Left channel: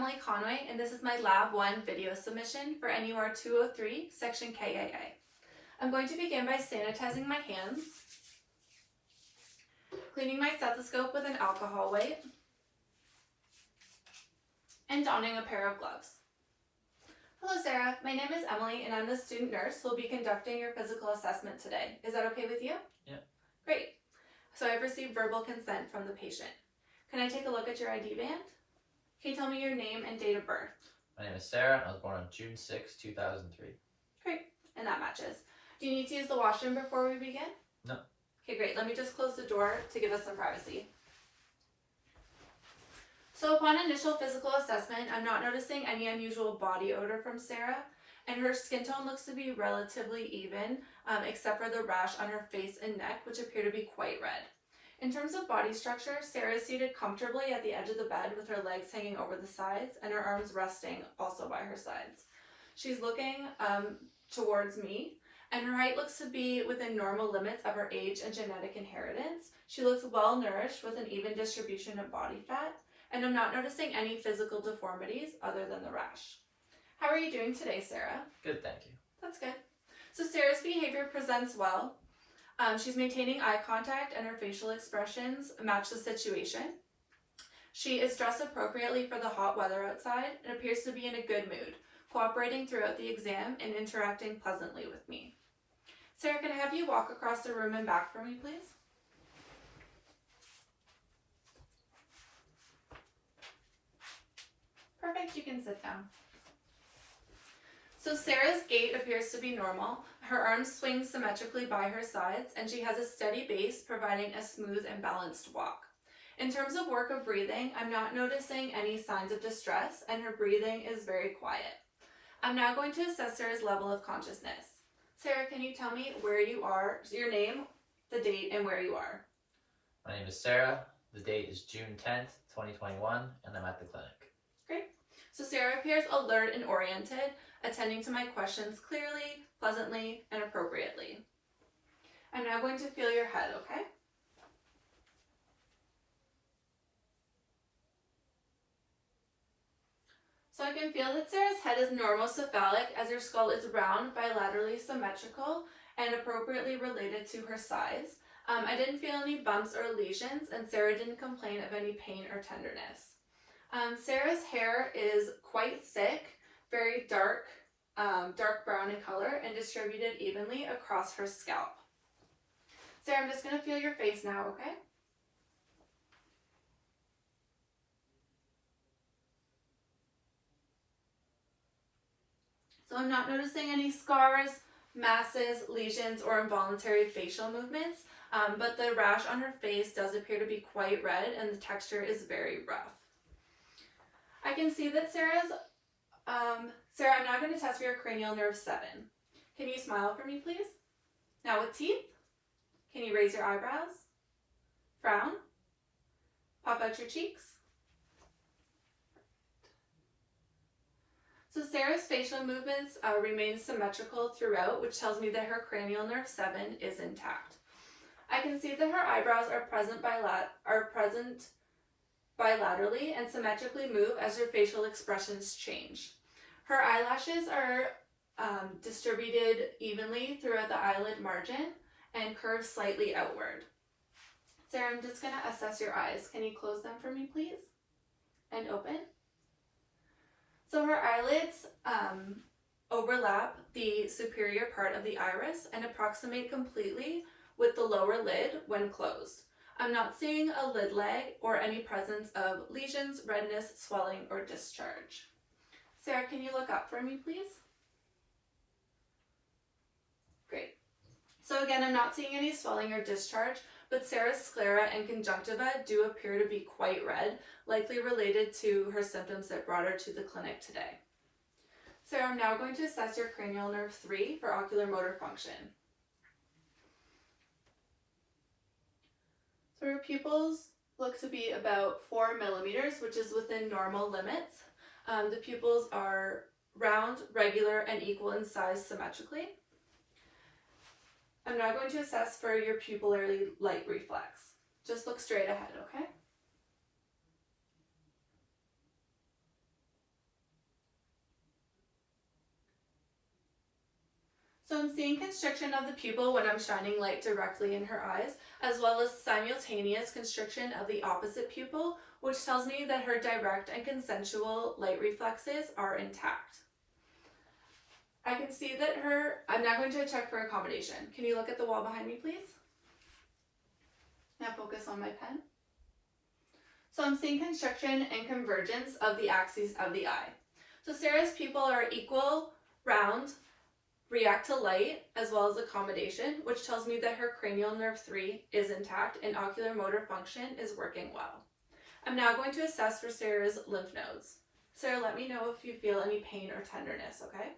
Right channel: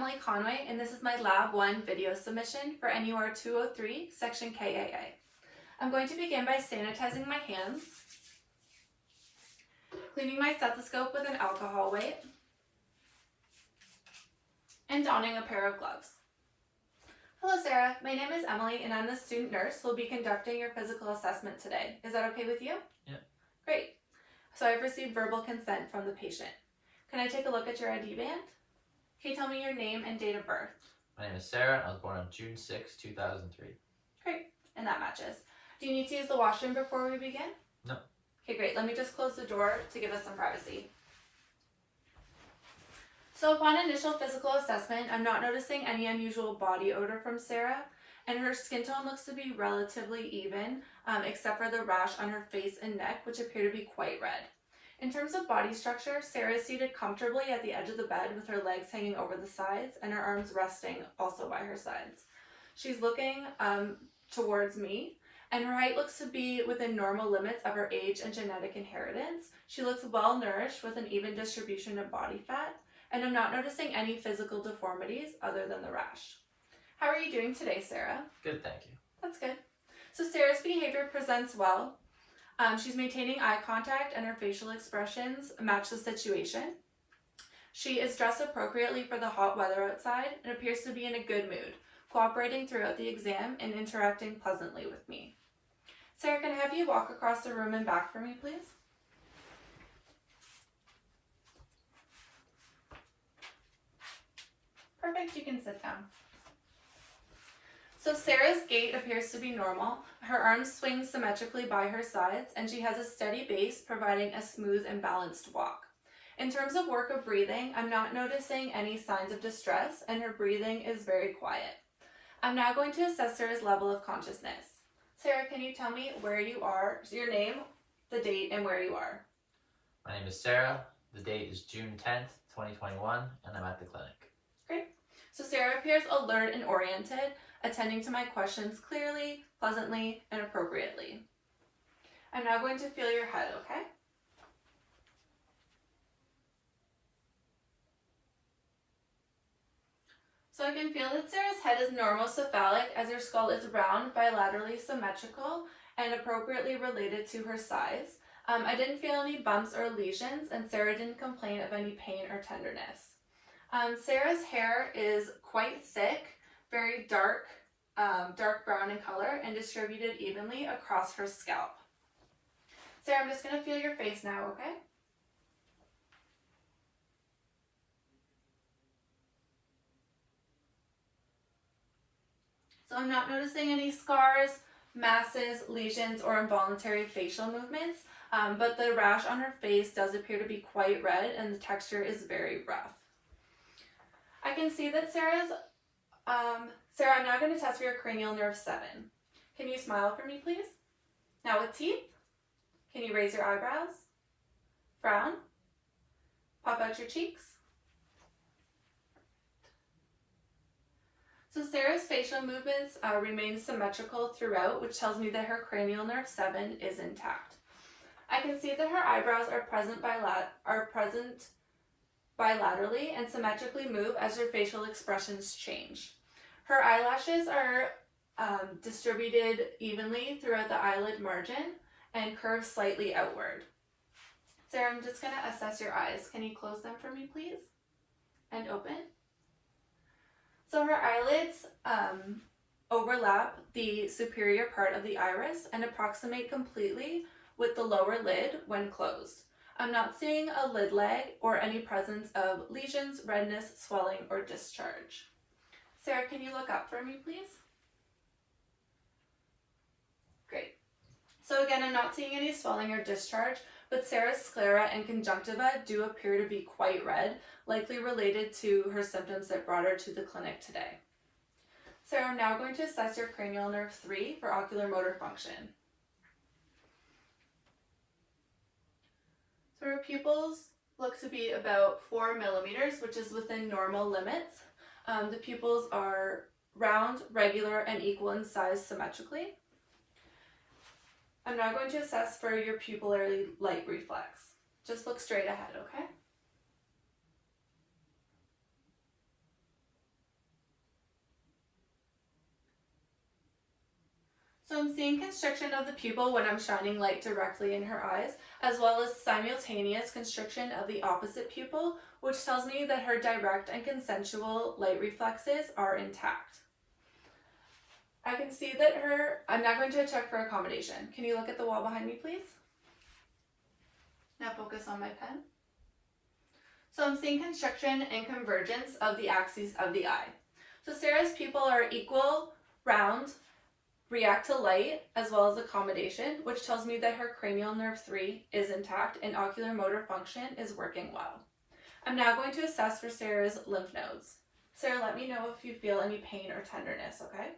Emily Conway, and this is my Lab 1 video submission for NUR203 Section KAA. I'm going to begin by sanitizing my hands, cleaning my stethoscope with an alcohol wipe, and donning a pair of gloves. Hello Sarah, my name is Emily and I'm the student nurse who will be conducting your physical assessment today. Is that okay with you? Yeah. Great. So I've received verbal consent from the patient. Can I take a look at your ID band? Can you tell me your name and date of birth? My name is Sarah and I was born on June 6, 2003. Great, and that matches. Do you need to use the washroom before we begin? No. Okay, great. Let me just close the door to give us some privacy. So upon initial physical assessment, I'm not noticing any unusual body odor from Sarah, and her skin tone looks to be relatively even, except for the rash on her face and neck, which appear to be quite red. In terms of body structure, Sarah is seated comfortably at the edge of the bed with her legs hanging over the sides and her arms resting also by her sides. She's looking towards me, and her height looks to be within normal limits of her age and genetic inheritance. She looks well nourished with an even distribution of body fat, and I'm not noticing any physical deformities other than the rash. How are you doing today, Sarah? Good, thank you. That's good. So Sarah's behavior presents well. She's maintaining eye contact and her facial expressions match the situation. She is dressed appropriately for the hot weather outside and appears to be in a good mood, cooperating throughout the exam and interacting pleasantly with me. Sarah, can I have you walk across the room and back for me, please? Perfect, you can sit down. So Sarah's gait appears to be normal. Her arms swing symmetrically by her sides, and she has a steady base, providing a smooth and balanced walk. In terms of work of breathing, I'm not noticing any signs of distress, and her breathing is very quiet. I'm now going to assess Sarah's level of consciousness. Sarah, can you tell me where you are, your name, the date, and where you are? My name is Sarah. The date is June 10th, 2021, and I'm at the clinic. Great. So Sarah appears alert and oriented, attending to my questions clearly, pleasantly, and appropriately. I'm now going to feel your head, okay? So I can feel that Sarah's head is normocephalic as her skull is round, bilaterally symmetrical, and appropriately related to her size. I didn't feel any bumps or lesions, and Sarah didn't complain of any pain or tenderness. Sarah's hair is quite thick, very dark brown in color, and distributed evenly across her scalp. Sarah, I'm just going to feel your face now, okay? So I'm not noticing any scars, masses, lesions, or involuntary facial movements, but the rash on her face does appear to be quite red and the texture is very rough. I can see that Sarah, I'm now going to test for your cranial nerve 7. Can you smile for me, please? Now with teeth, can you raise your eyebrows? Frown? Pop out your cheeks? So Sarah's facial movements remain symmetrical throughout, which tells me that her cranial nerve 7 is intact. I can see that her eyebrows are present bilaterally and symmetrically move as her facial expressions change. Her eyelashes are distributed evenly throughout the eyelid margin and curve slightly outward. Sarah, I'm just going to assess your eyes. Can you close them for me, please? And open. So her eyelids overlap the superior part of the iris and approximate completely with the lower lid when closed. I'm not seeing a lid lag or any presence of lesions, redness, swelling, or discharge. Sarah, can you look up for me, please? Great. So again, I'm not seeing any swelling or discharge, but Sarah's sclera and conjunctiva do appear to be quite red, likely related to her symptoms that brought her to the clinic today. Sarah, I'm now going to assess your cranial nerve 3 for ocular motor function. So her pupils look to be about 4 millimeters, which is within normal limits. The pupils are round, regular, and equal in size symmetrically. I'm now going to assess for your pupillary light reflex. Just look straight ahead, okay? So I'm seeing constriction of the pupil when I'm shining light directly in her eyes, as well as simultaneous constriction of the opposite pupil, which tells me that her direct and consensual light reflexes are intact. I can see that I'm now going to check for accommodation. Can you look at the wall behind me, please? Now focus on my pen. So I'm seeing constriction and convergence of the axes of the eye. So Sarah's pupil are equal, round, react to light, as well as accommodation, which tells me that her cranial nerve 3 is intact and ocular motor function is working well. I'm now going to assess for Sarah's lymph nodes. Sarah, let me know if you feel any pain or tenderness, okay?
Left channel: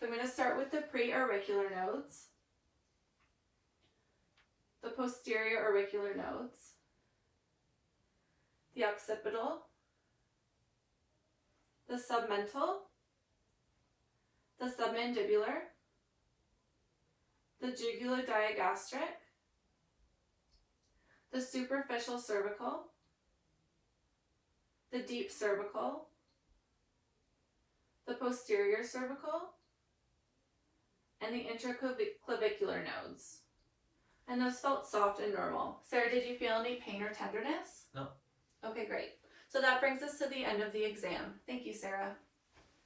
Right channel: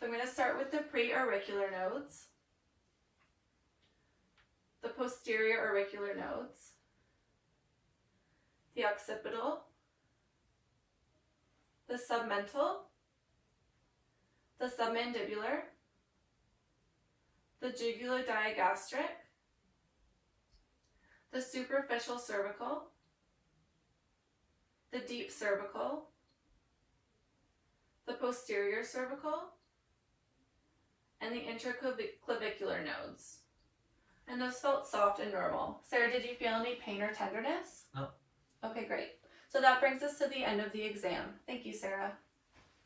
So I'm going to start with the pre-auricular nodes, the posterior auricular nodes, the occipital, the submental, the submandibular, the jugulodigastric, the superficial cervical, the deep cervical, the posterior cervical, and the intraclavicular nodes. And those felt soft and normal. Sarah, did you feel any pain or tenderness? No. Okay, great. So that brings us to the end of the exam. Thank you, Sarah.